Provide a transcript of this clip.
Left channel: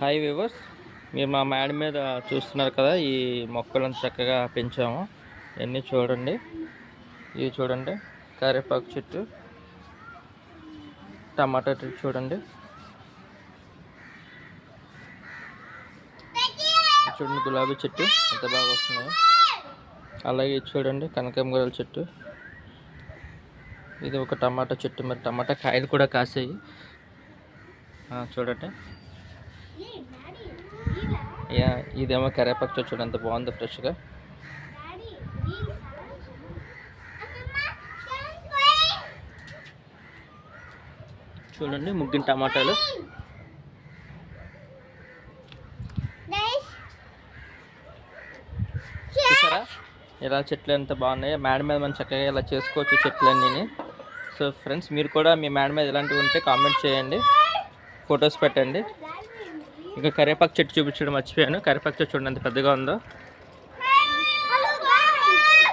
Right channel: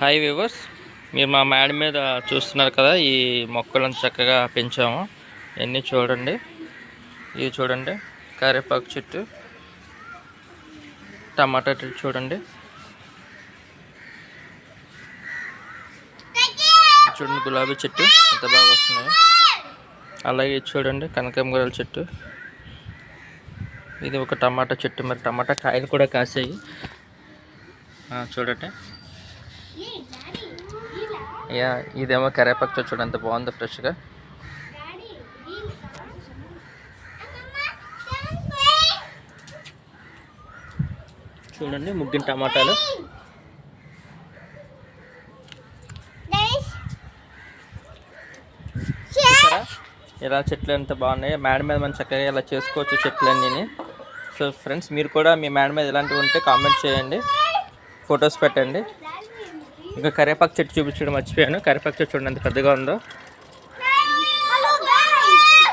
Hi viewers, మీరు మా మేడ మీద చూస్తున్నారు కదా, ఈ మొక్కలను చక్కగా పెంచాము. ఇవన్నీ చూడండి, ఇవి చూడండి, కరివేపాకు చెట్టు, టమాటా చెట్టు చూడండి, చూడండి గులాబీ చెట్టు ఎంత బాగా వస్తున్నాయి. అలాగే ఇది చూడండి కనకాంబరాల చెట్టు, ఇది ఒక టమాటా చెట్టు. మరి టమాటా కాయలు కూడా కాసాయి చూడండి. ఇదేమో కరివేపాకు చెట్టు చూడండి ఎంత బాగుందో ఫ్రెష్గా. చూడండి ముగ్గిన టమాటాలు. చూసారా ఇలా చెట్లు ఎంత బాగున్నాయి. మేడ మీద మనం చక్కగా ఇలా చేసుకోవచ్చు చెట్లన్నీ. సో ఫ్రెండ్స్, మీరు కూడా మీ మేడ మీద ఇలాంటివి ఉంటే కామెంట్ చేయండి, ఫొటోస్ పెట్టండి. ఇంకా కరివేపాకు చెట్టు చూపించడం మర్చిపోయాను. కరివేపాకు చెట్టు చూడండి ఎంత పెద్దగా ఉందో.